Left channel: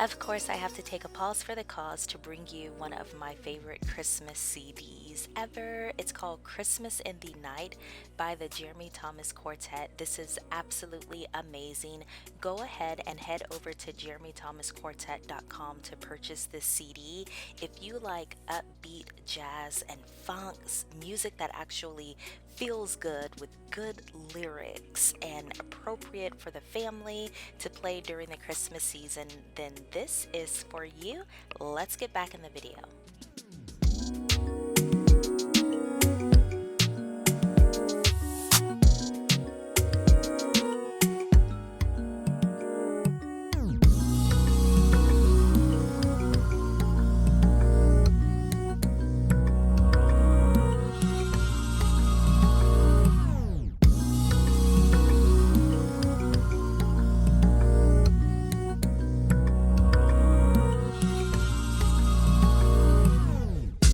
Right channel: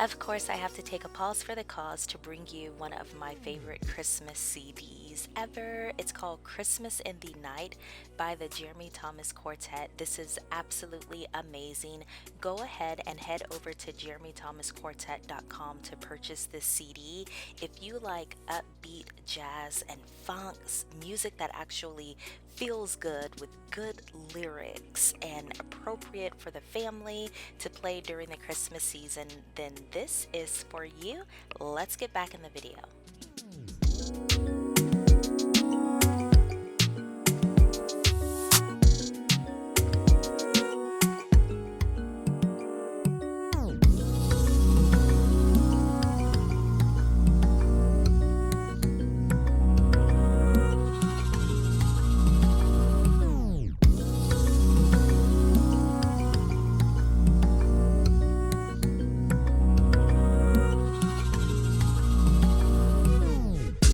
Of course, I have to take a pause for the cause to bring you one of my favorite Christmas CDs ever. It's called Christmas in the Night by the Jeremy Thomas Quartet. This is absolutely amazing. Go ahead and head over to jeremythomasquartet.com to purchase this CD. If you like upbeat jazz and funks, music that actually feels good with good lyrics and appropriate for the family to play during the Christmas season, then this is for you. Let's get back in the video.